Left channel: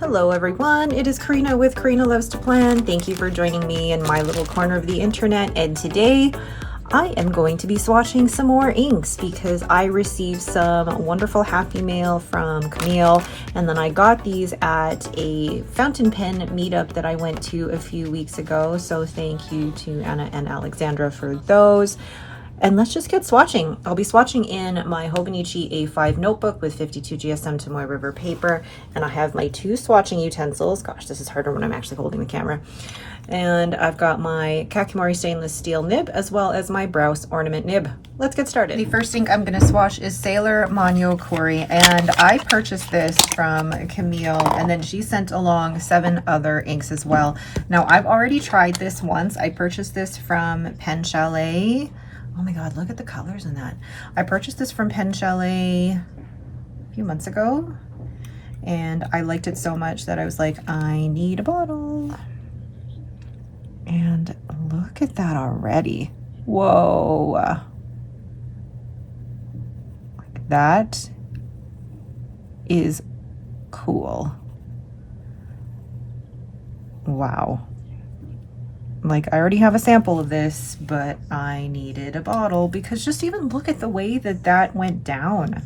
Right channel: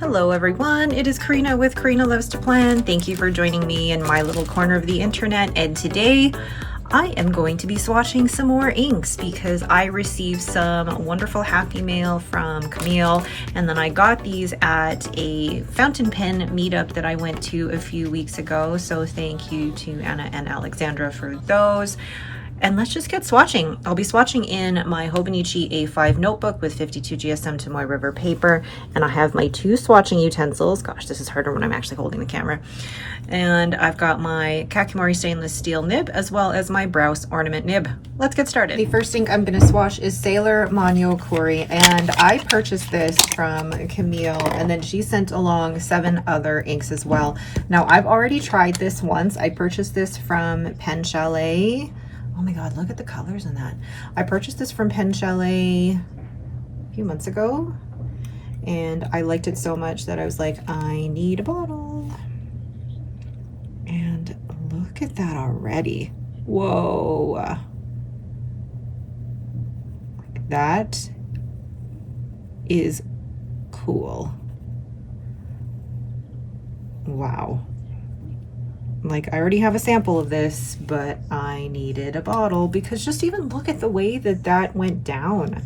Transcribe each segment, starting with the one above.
Hello everyone, it is Karina with Karina Loves to Plan. Thank you for joining me in my little corner of the internet, and today I am going to be swatching some more inks because I received some wonderful happy mail from Camille, and then I got these at a fountain pen meetup that I went to a few weeks ago, so thank you to Anna and Alexandra for those. And let's just get swatching. I'll be swatching in my Hobonichi A5 notebook with 52 GSM Tomoe River paper. And I have my two swatching utensils. Gosh, this is harder when I'm actually holding the camera. And I've got my Kakimori stainless steel nib as well as my Browse ornament nib. Let's get started. The first ink I'm gonna swatch is Sailor Manyo Kuri. And I purchased this from Camille, and then she sent along 7 other inks as well. Now I've already tried this once. I purchased this from PenChalet. Oh my God, look at the colors in that. I purchased this from PenChalet a few months ago, and I liked it so much that I was like, I need a bottle. And look at that already. Whoa. That is cool. Wow. Like, I already have a sample of this, but I needed a bottle because just even look at the way that that went down,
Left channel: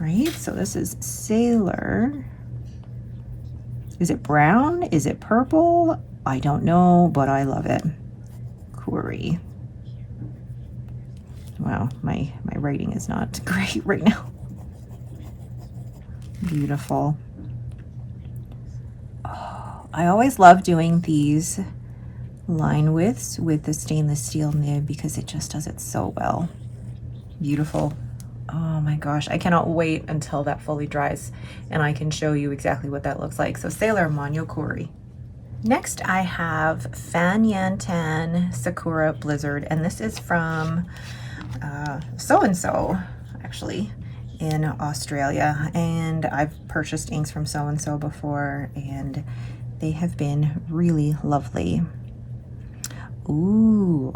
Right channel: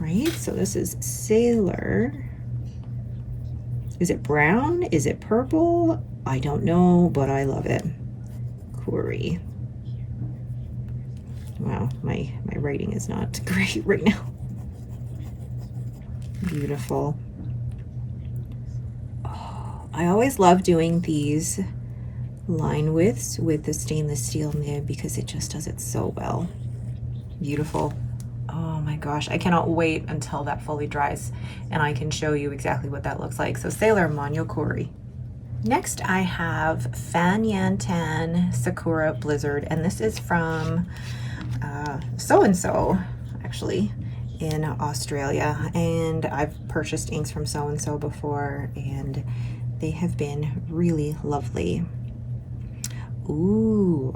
right? So this is Sailor. Is it brown? Is it purple? I don't know, but I love it. Kuri. Wow, my writing is not great right now. Beautiful. Oh, I always love doing these line widths with the stainless steel nib because it just does it so well. Beautiful. Oh my gosh, I cannot wait until that fully dries and I can show you exactly what that looks like. So Sailor Manyo Kuri. Next I have Fan Yan Tan Sakura Blizzard, and this is from So-and-so actually in Australia, and I've purchased inks from So-and-so before and they have been really lovely. Ooh,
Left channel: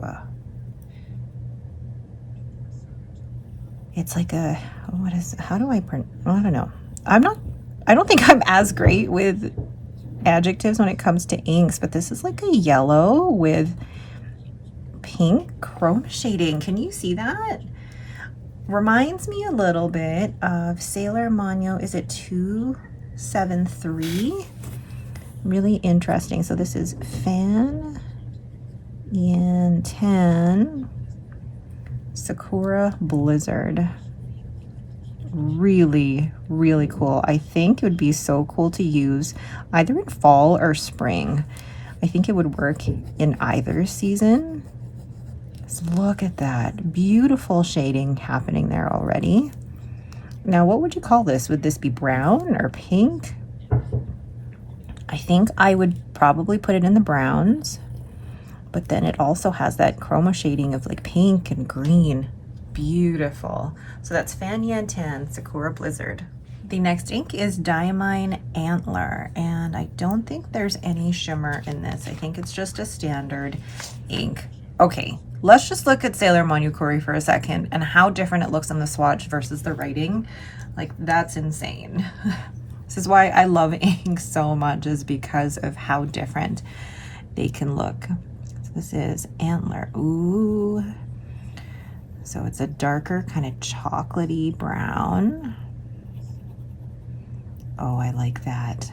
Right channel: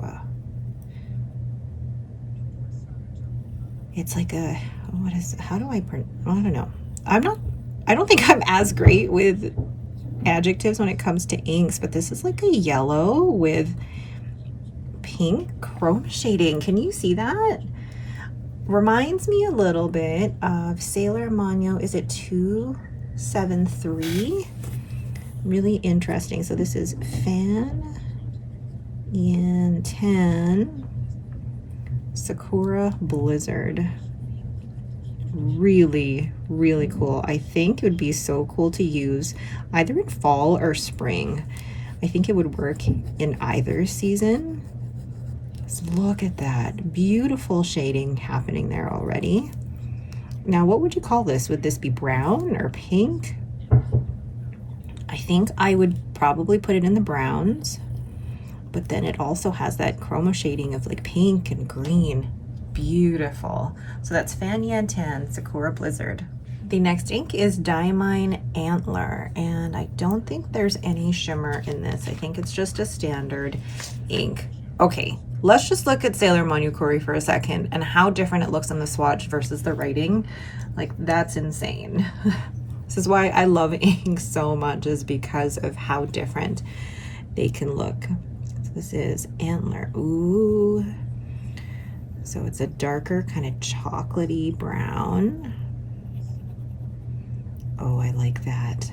it's like a, what is, how do I print? I don't know. I don't think I'm as great with adjectives when it comes to inks, but this is like a yellow with pink chroma shading. Can you see that? Reminds me a little bit of Sailor Manyo. Is it 273? Really interesting. So this is Fan Yan Tan Sakura Blizzard. Really, really cool. I think it would be so cool to use either in fall or spring. I think it would work in either season. So look at that. Beautiful shading happening there already. Now, what would you call this? Would this be brown or pink? I think I would probably put it in the browns, but then it also has that chroma shading of like pink and green. Beautiful. So that's Fan Yan Tan Sakura Blizzard. The next ink is Diamine Antler, and I don't think there's any shimmer in this. I think it's just a standard ink. Okay, let's just look at Sailor Manyo Kuri for a second and how different it looks on the swatch versus the writing. Like, that's insane. This is why I love inks so much, is because of how different they can look. So this is Antler. Ooh. So it's a darker kind of chocolatey brown. Oh, I like that.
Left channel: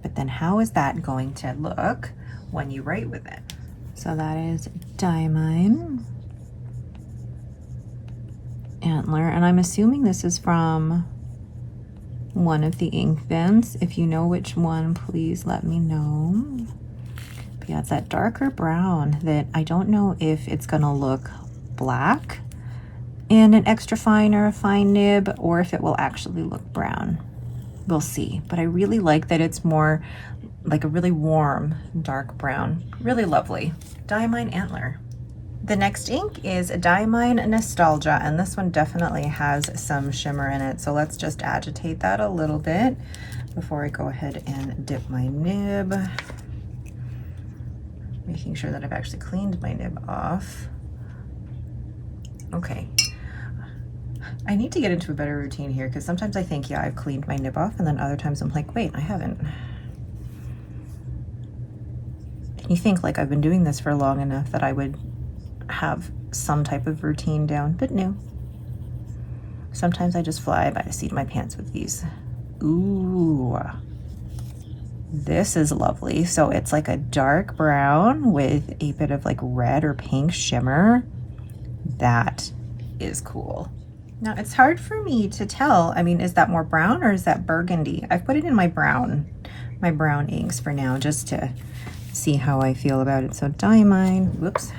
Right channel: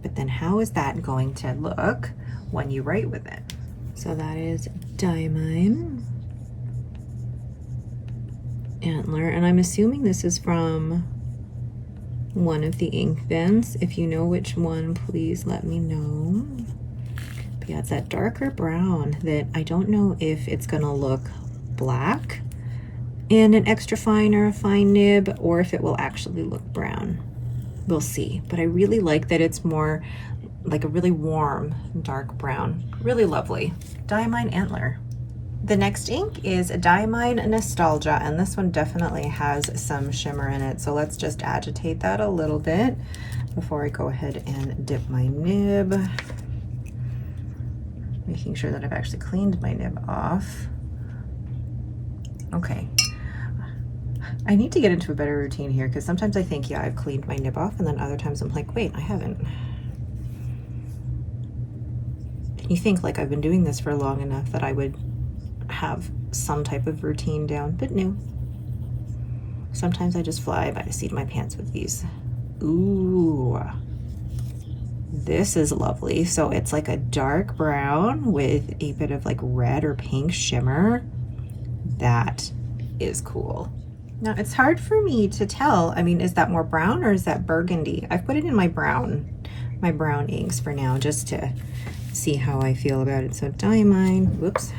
But then how is that going to look when you write with it? So that is Diamine Antler, and I'm assuming this is from one of the ink bins. If you know which one, please let me know. But yeah, it's that darker brown that I don't know if it's gonna look black in an extra fine or a fine nib, or if it will actually look brown. We'll see. But I really like that it's more like a really warm dark brown. Really lovely. Diamine Antler. The next ink is Diamine Nostalgia, and this one definitely has some shimmer in it. So let's just agitate that a little bit before I go ahead and dip my nib. Making sure that I've actually cleaned my nib off. Okay. I need to get into a better routine here because sometimes I think, yeah, I've cleaned my nib off, and then other times I'm like, wait, I haven't. And you think like I've been doing this for long enough that I would have some type of routine down, but no. Sometimes I just fly by the seat of my pants with these. Ooh, this is lovely. So it's like a dark brown with a bit of like red or pink shimmer. That is cool. Now it's hard for me to tell. I mean, is that more brown or is that burgundy? I've put it in my brown inks for now, just to see how I feel about it. So Diamine, whoops.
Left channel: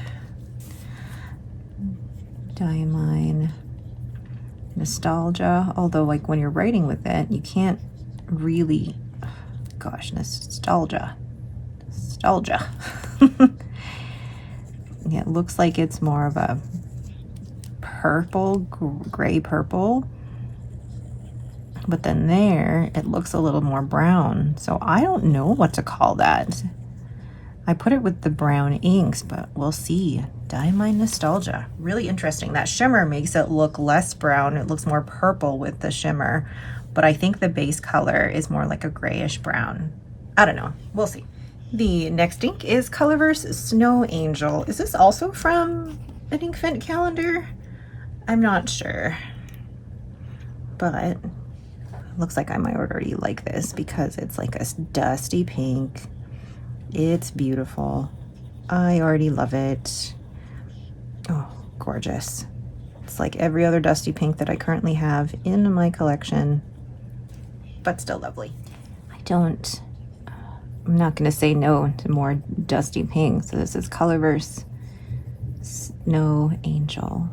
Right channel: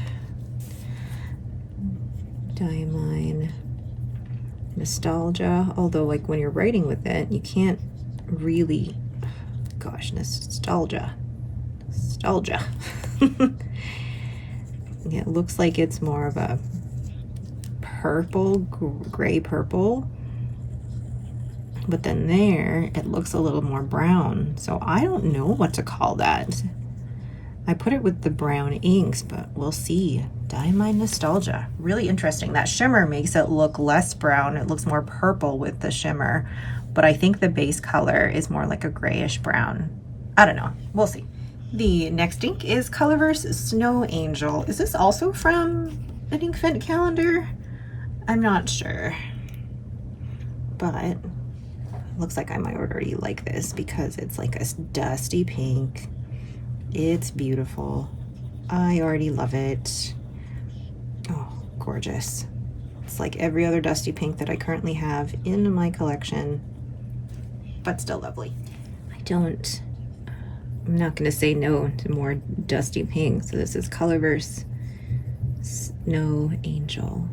Diamine Nostalgia. Although like when you're writing with it, you can't really, gosh, nostalgia. Yeah, it looks like it's more of a purple, gray purple, but then there it looks a little more brown, so I don't know what to call that. I put it with the brown inks, but we'll see. Diamine Nostalgia, really interesting. That shimmer makes it look less brown. It looks more purple with the shimmer, but I think the base color is more like a grayish brown. I don't know, we'll see. The next ink is Colorverse Snow Angel. Is this also from an Inkvent calendar? I'm not sure, but it looks like I might already like this because it's like a dusty pink. It's beautiful. I already love it. Oh, gorgeous. It's like every other dusty pink that I currently have in my collection, but still lovely. I'm not gonna say no to more dusty pink. So this is Colorverse Snow Angel.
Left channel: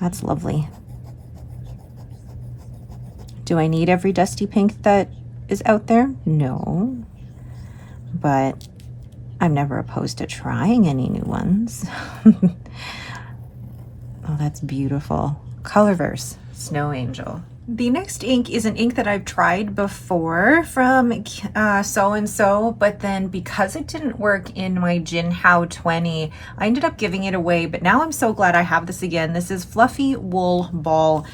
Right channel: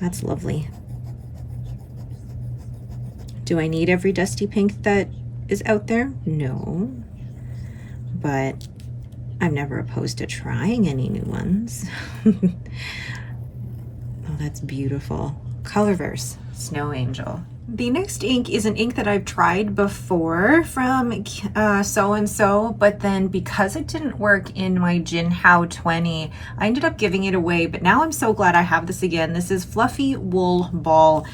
That's lovely. Do I need every dusty pink that is out there? No, but I'm never opposed to trying any new ones. Oh, that's beautiful. Colorverse Snow Angel. The next ink is an ink that I've tried before from so-and-so, but then because it didn't work in my Jinhao 20, I ended up giving it away, but now I'm so glad I have this again. This is Fluffy Wool Ball,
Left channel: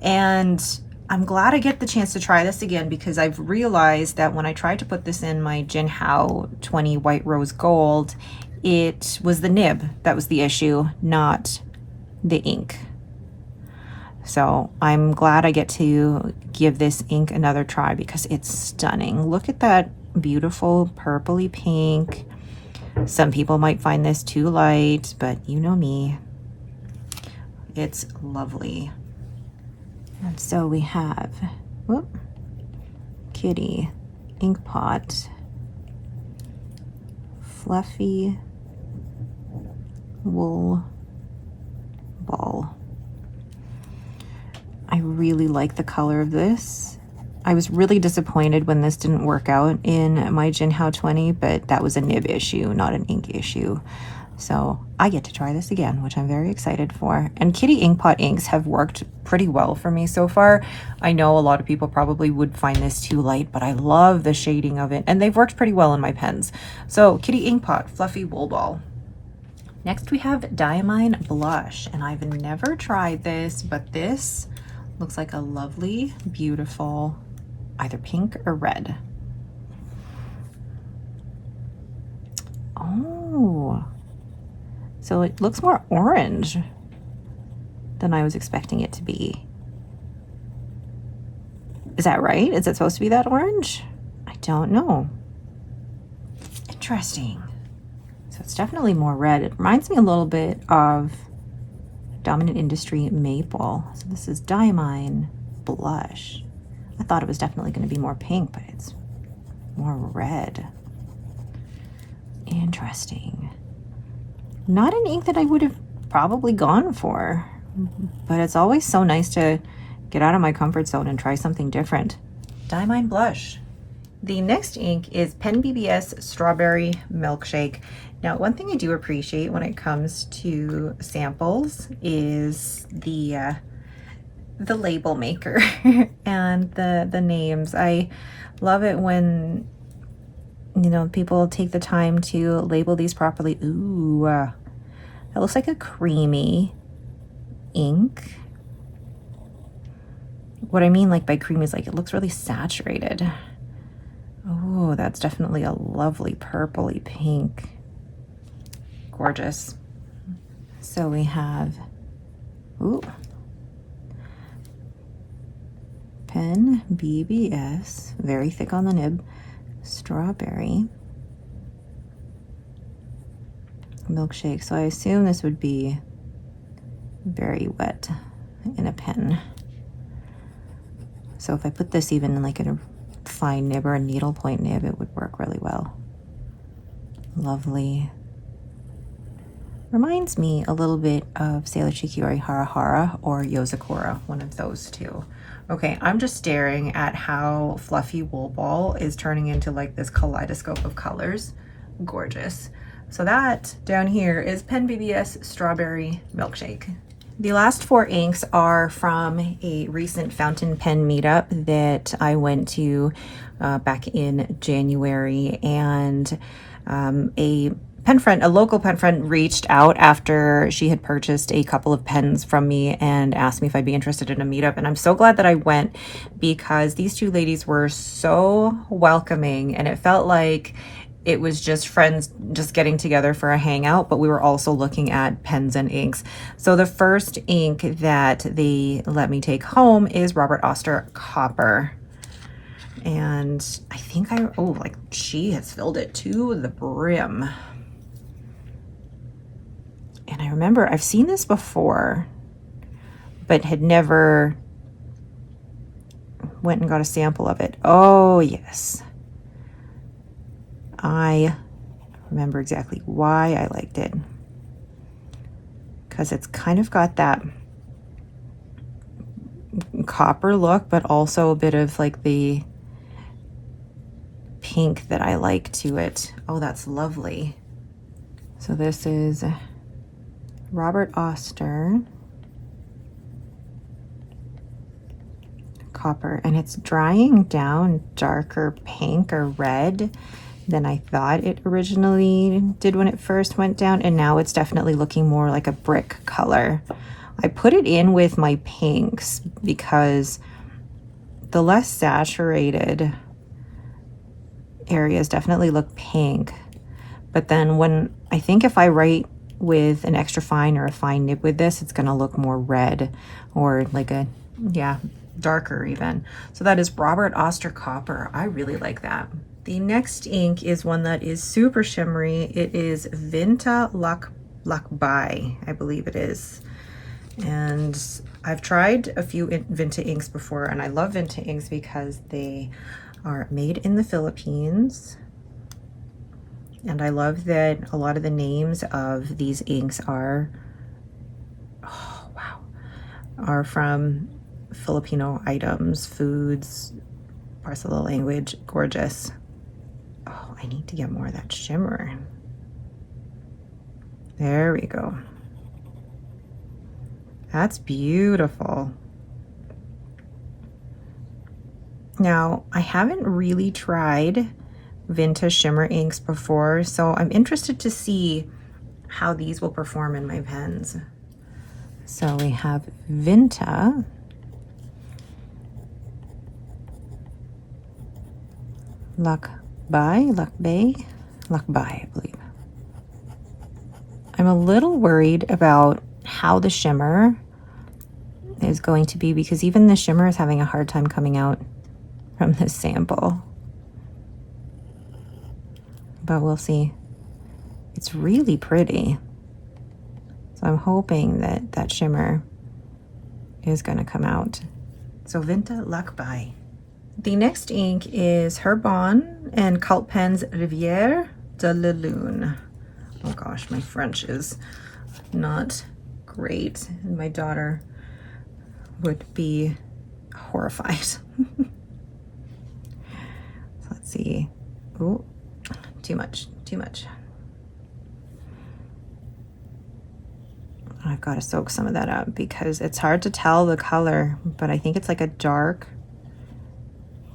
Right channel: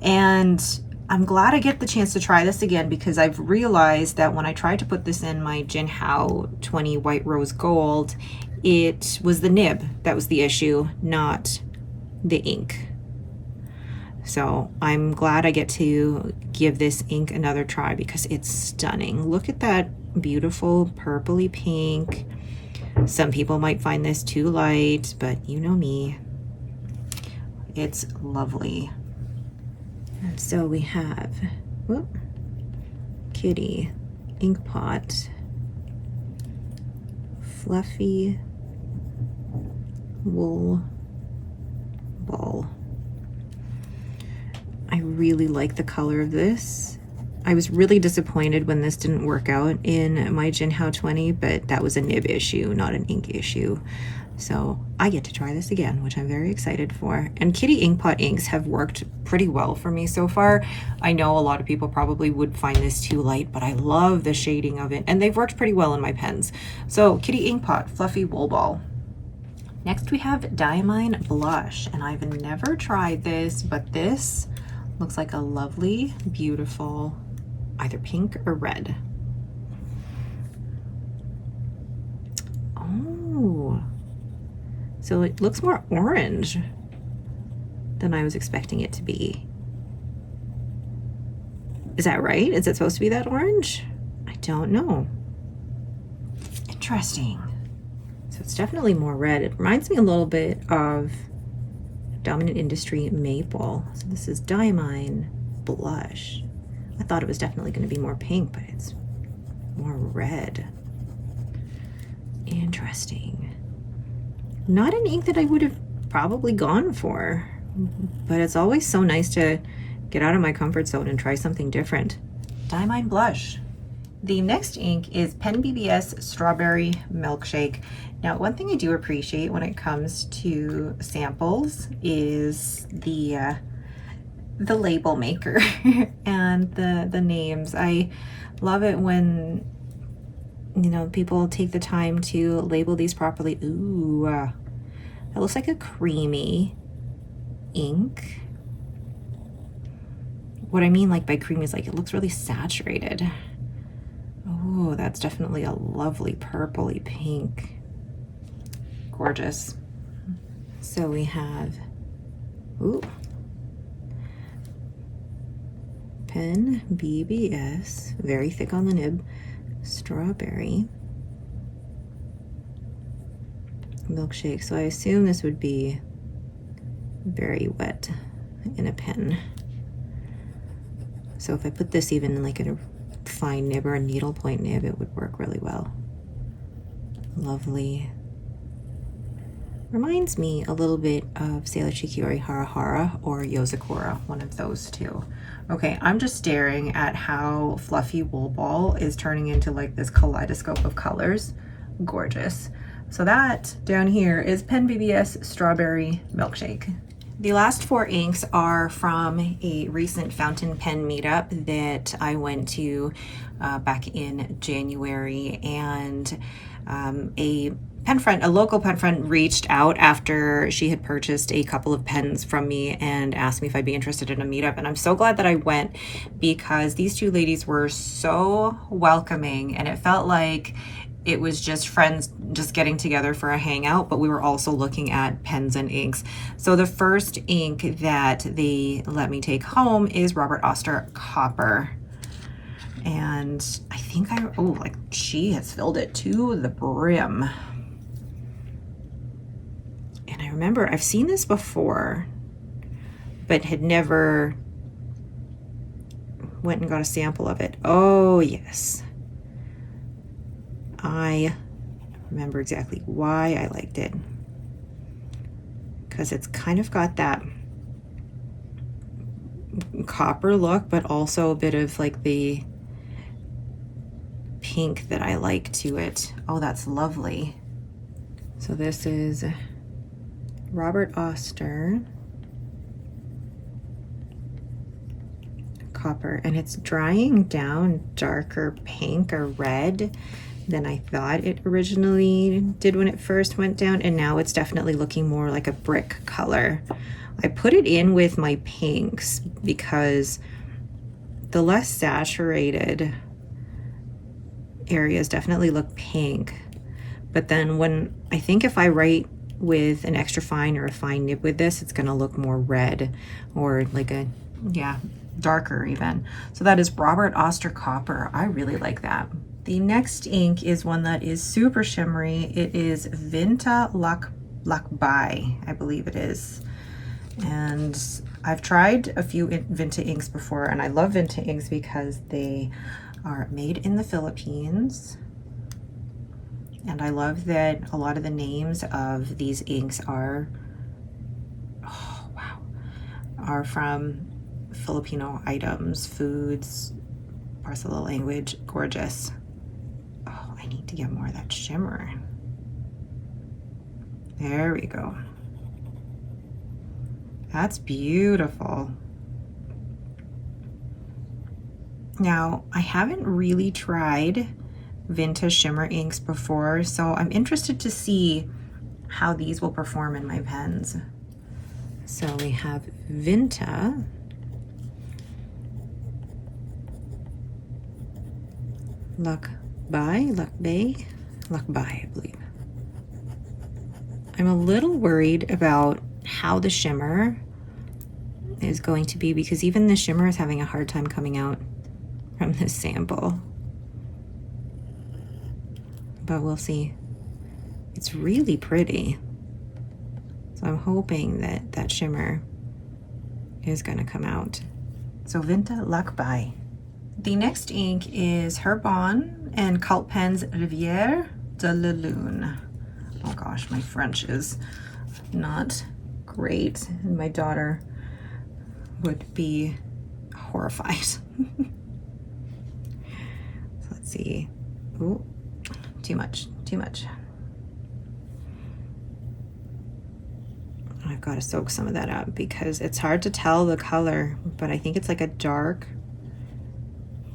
and I'm glad I get the chance to try this again because I've realized that when I tried to put this in my Jinhao 20 White Rose Gold, it was the nib that was the issue, not the ink. So I'm glad I get to give this ink another try because it's stunning. Look at that beautiful purpley pink. Some people might find this too light, but you know me. It's lovely. And so we have, whoop, Kitty, Ink Pot, Fluffy Wool Ball. I really like the color of this. I was really disappointed when this didn't work out in my Jinhao 20, but that was a nib issue, not an ink issue. So I get to try this again, which I'm very excited for. And Kitty Inkpot inks have worked pretty well for me so far. I know a lot of people probably would find this too light, but I love the shading of it, and they've worked pretty well in my pens. So Kitty Inkpot, Fluffy Wool Ball. Next we have Diamine Blush, and I've never tried this, but this looks like a lovely, beautiful, either pink or red. Oh, so it looks more orange than I was expecting it to be. Is that right? Is it supposed to be that orange? I don't know. Interesting. So it's definitely more red. It reminds me a little bit of Dominant Industry Maple. So this is Diamine Blush. I thought it was definitely going to be more pink, but it's more red. Interesting. Not an ink that I would have probably gone for, but it's always so nice to get out of my comfort zone and try something different. Diamine Blush. The next ink is Pen BBS Strawberry Milkshake. Now, one thing I do appreciate when it comes to samples is the label maker and the names. I love it when, you know, people take the time to label these properly. Ooh, that looks like a creamy ink. what I mean like by creamy is like it looks really saturated. Oh, that's definitely a lovely purpley pink. Gorgeous. So we have, ooh, Pen BBS, very thick on the nib, strawberry milkshake. So I assume this would be very wet in a pen. So if I put this even like in a fine nib or a needlepoint nib, it would work really well. Lovely. Reminds me a little bit of Sailor Shikiori Hara Hara or Yozakura, one of those two. Okay, I'm just staring at how Fluffy Wool Ball is turning into like this kaleidoscope of colors. Gorgeous. So that down here is Pen BBS Strawberry Milkshake. The last 4 inks are from a recent fountain pen meetup that I went to back in January, and a local pen friend reached out after she had purchased a couple of pens from me and asked me if I'd be interested in a meetup. And I'm so glad that I went, because these 2 ladies were so welcoming, and it felt like it was just friends just getting together for a hangout, but we were also looking at pens and inks. So the first ink that they let me take home is Robert Oster Copper. And I think like she has filled it to the brim. And I remember I've seen this before, but had never went and got a sample of it. Oh yes. I remember exactly why I liked it, because it's kind of got that copper look, but also a bit of like the pink that I like to it. Oh, that's lovely. So this is Robert Oster Copper, and it's drying down darker pink or red than I thought it originally did when it first went down, and now it's definitely looking more like a brick color. I put it in with my pinks because the less saturated areas definitely look pink, but then when I think if I write with an extra fine or a fine nib with this, it's gonna look more red or like a, yeah, darker even. So that is Robert Oster Copper. I really like that. The next ink is one that is super shimmery. It is Vinta Lakbai, I believe it is. And I've tried a few Vinta inks before, and I love Vinta inks because they are made in the Philippines. And I love that a lot of the names of these inks are, oh wow, are from Filipino items, foods, parts of the language. Gorgeous. Oh, I need to get more of that shimmer. There we go. That's beautiful. Now, I haven't really tried Vinta shimmer inks before, so I'm interested to see how these will perform in my pens. So we have Vinta, Lakbai, I believe. I'm a little worried about how the shimmer is going to be, because even the shimmer is having a hard time coming out from this sample. But we'll see. It's really pretty. So I'm hoping that that shimmer is going to come out. So Vinta Lakbai. The next ink is Herbon and Cult Pens Rivière de la Lune. Oh gosh, my French is not great, and my daughter would be horrified. So let's see. Ooh, too much. I've got to soak some of that up because it's hard to tell the color, but I think it's like a dark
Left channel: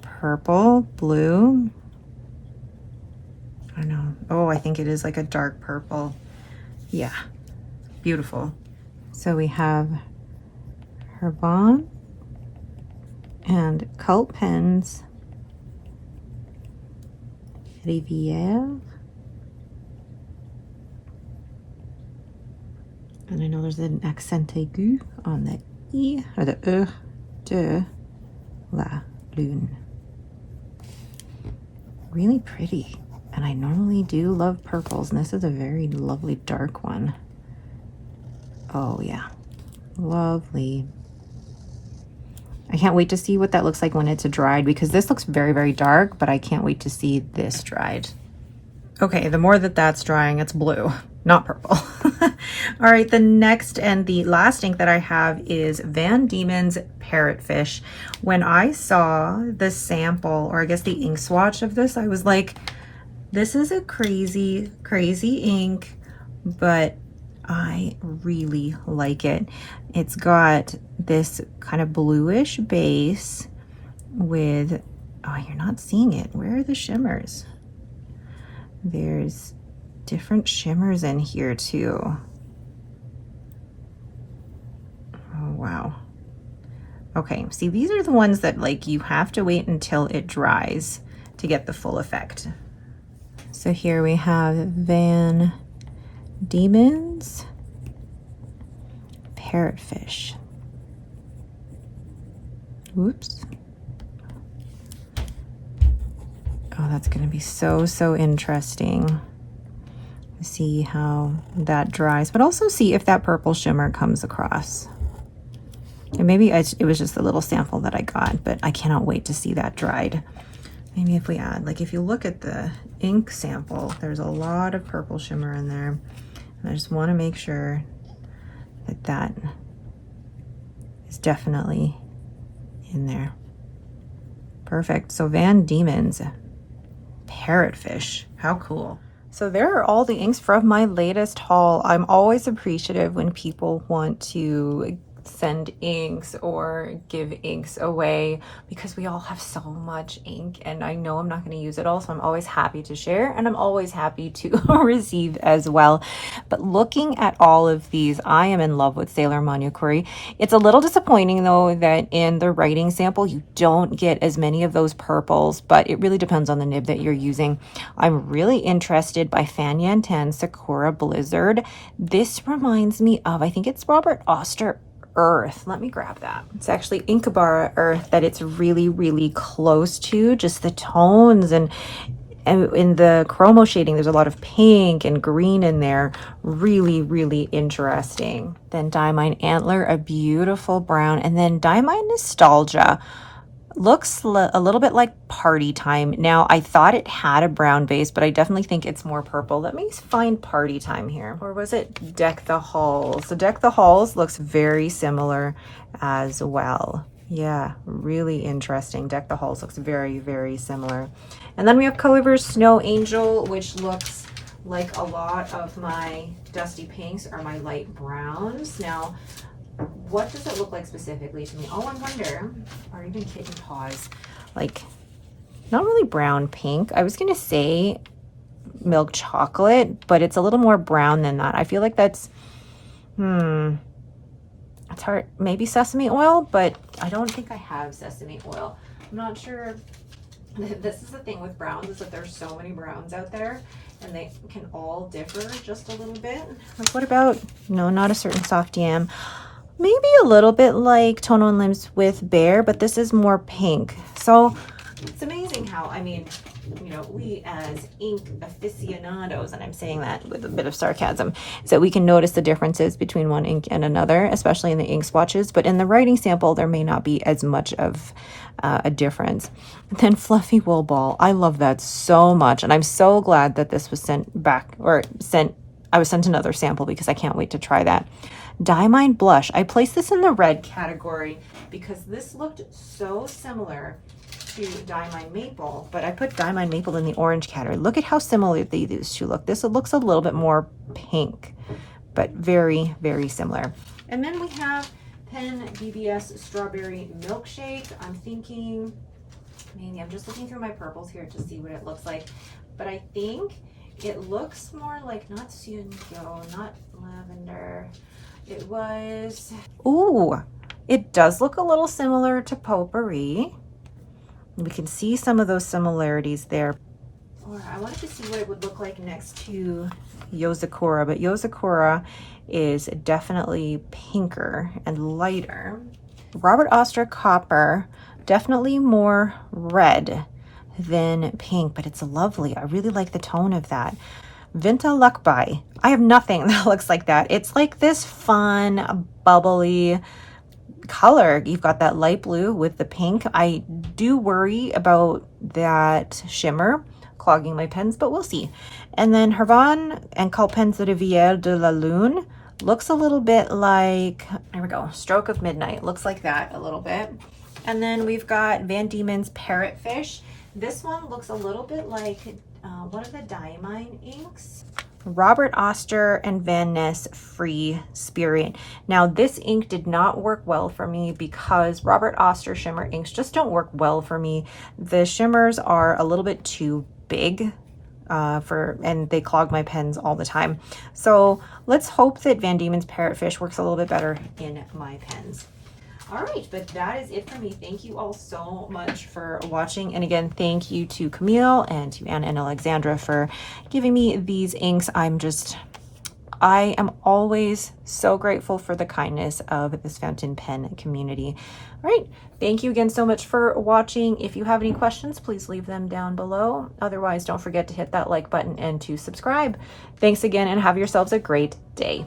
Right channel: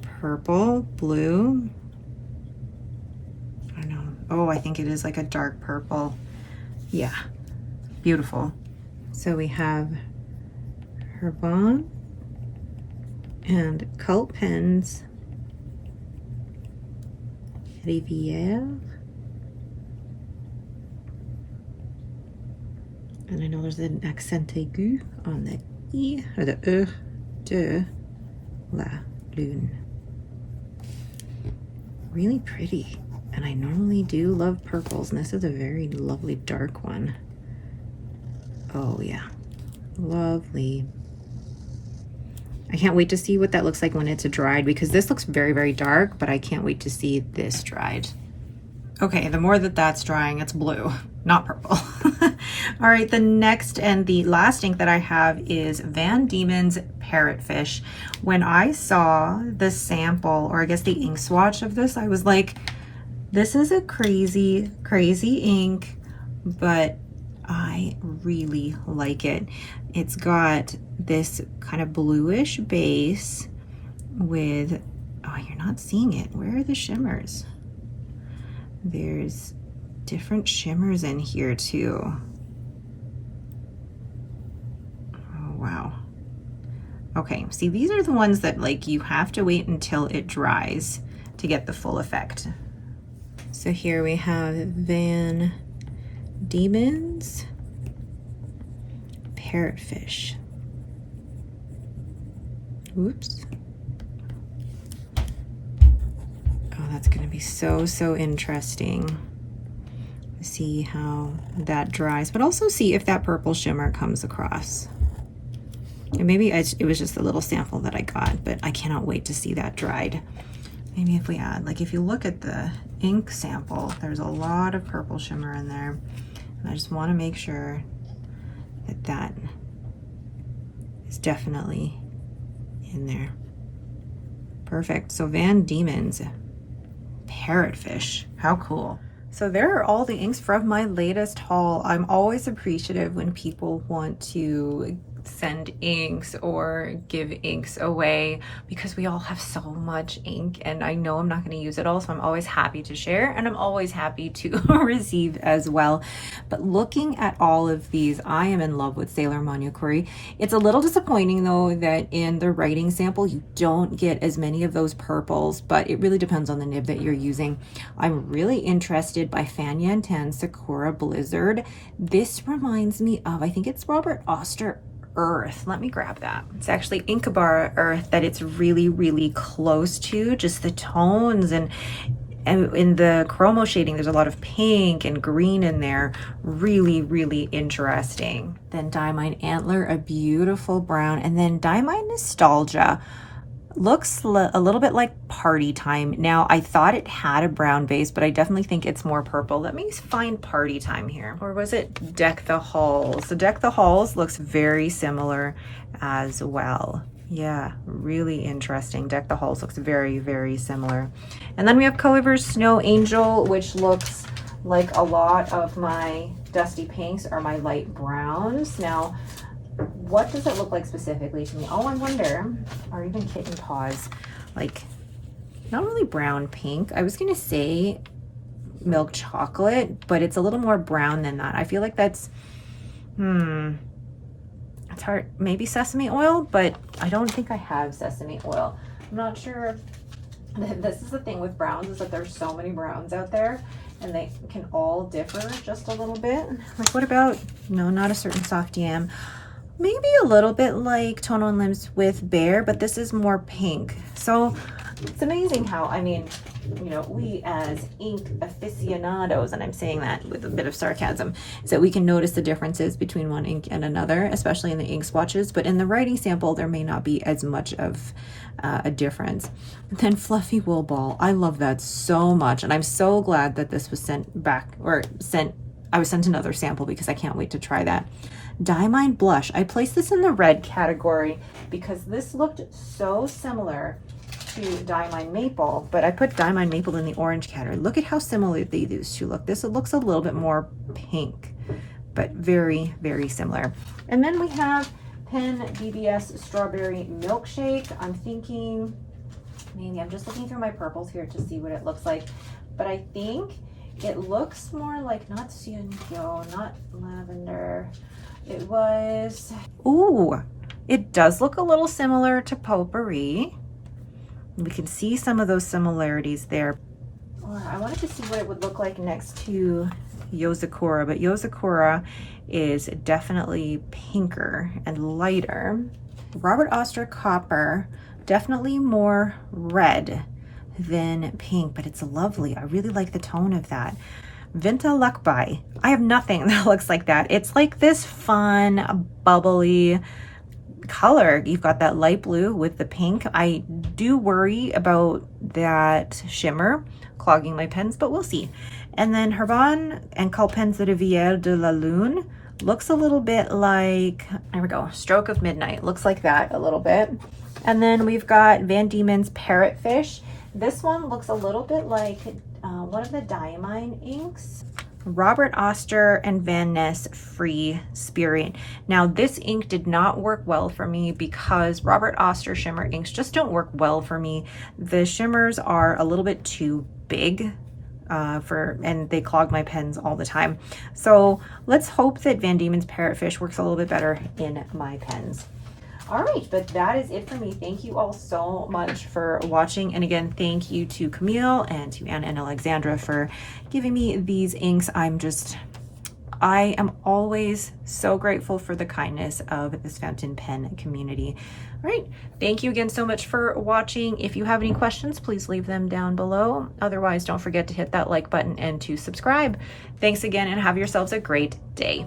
purple, blue. I don't know. Oh, I think it is like a dark purple. Yeah, beautiful. So we have Herbon And Cult Pens Rivière. And I know there's an accent aigu on the E, or the E de la Lune. Really pretty. And I normally do love purples, and this is a very lovely dark one. Oh yeah, lovely. I can't wait to see what that looks like when it's dried, because this looks very, very dark, but I can't wait to see this dried. Okay, the more that that's drying, it's blue, not purple. All right, the next and the last ink that I have is Van Diemen's Parrotfish. When I saw the sample, or I guess the ink swatch of this, I was like, this is a crazy, crazy ink, but I really like it. It's got this kind of bluish base with, oh, you're not seeing it. Where are the shimmers? There's different shimmers in here too. Oh, wow. Okay, see, these are the ones that like you have to wait until it dries to get the full effect. So here we have Van Diemen's Parrotfish. Oops. Oh, that's going to be so interesting to see how that dries, but also see if that purple shimmer comes across. And maybe it was just a little sample that I got, but I cannot wait to see that dried. Maybe if we add, like if you look at the ink sample, there's a lot of purple shimmer in there. And I just want to make sure that that is definitely in there. Perfect. So Van Diemen's Parrotfish, how cool. So there are all the inks from my latest haul. I'm always appreciative when people want to send inks or give inks away, because we all have so much ink and I know I'm not going to use it all, so I'm always happy to share, and I'm always happy to receive as well. But looking at all of these, I am in love with Sailor Manukuri. It's a little disappointing though that in the writing sample you don't get as many of those purples, but it really depends on the nib that you're using. I'm really interested by Fan Yan Tan Sakura Blizzard. This reminds me of, I think it's Robert Oster Earth. Let me grab that. It's actually Inkabara Earth that it's really close to, just the tones, and in the chromo shading there's a lot of pink and green in there. Really interesting. Then Diamine Antler, a beautiful brown, and then Diamine Nostalgia looks a little bit like Party Time. Now, I thought it had a brown base, but I definitely think it's more purple. Let me find Party Time here. Or was it Deck the Halls? So Deck the Halls looks very similar as well. Yeah, really interesting. Deck the Halls looks very similar. And then we have Colorver's Snow Angel, which looks like a lot of my dusty pinks or my light browns. Now, what does it look like specifically to me? Oh, I wonder, or even Kitten Paws, like not really brown pink. I was gonna say milk chocolate, but it's a little more brown than that. I feel like that's, it's hard, maybe sesame oil, but I don't think I have sesame oil. I'm not sure. This is the thing with browns, is that there's so many browns out there and they can all differ just a little bit. Like what about, no, not a certain soft yam. Maybe a little bit like Tono and Limbs with Bear, but this is more pink. So it's amazing how, I mean, you know, we as ink aficionados, and I'm saying that with a bit of sarcasm, is that we can notice the differences between one ink and another, especially in the ink swatches, but in the writing sample, there may not be as much of a difference. And then Fluffy Wool Ball, I love that so much, and I'm so glad that this was sent back, or I was sent another sample, because I can't wait to try that. Diamine Blush, I placed this in the red category because this looked so similar to Diamine Maple, but I put Diamine Maple in the orange category. Look at how similar these two look. This looks a little bit more pink, but very similar. And then we have Pen BBS Strawberry Milkshake. I'm thinking, maybe I'm just looking through my purples here to see what it looks like, but I think it looks more like not Sunyeo, not lavender. It was, ooh, It does look a little similar to Potpourri. We can see some of those similarities there. I wanted to see what it would look like next to Yozakura, but Yozakura is definitely pinker and lighter. Robert Oster Copper, definitely more red than pink, but it's lovely. I really like the tone of that. Vinta Luckby. I have nothing that looks like that. It's like this fun, bubbly color. You've got that light blue with the pink. I do worry about that shimmer clogging my pens, but we'll see. And then Herbin and Calpens de Rivière de la Lune looks a little bit like, there we go, Stroke of Midnight. Looks like that a little bit. And then we've got Van Diemen's Parrotfish. This one looks a little bit like one of the Diamine inks. Robert Oster and Van Ness Free Spirit. Now this ink did not work well for me because Robert Oster shimmer inks just don't work well for me. The shimmers are a little bit too big and they clog my pens all the time. So let's hope that Van Diemen's Parrotfish works a little bit better in my pens. All right, but that is it for me. Thank you all so much for watching. And again, thank you to Camille and to Anna and Alexandra for giving me these inks. I am always so grateful for the kindness of this fountain pen community. All right, thank you again so much for watching. If you have any questions, please leave them down below. Otherwise, don't forget to hit that like button and to subscribe. Thanks again and have yourselves a great day.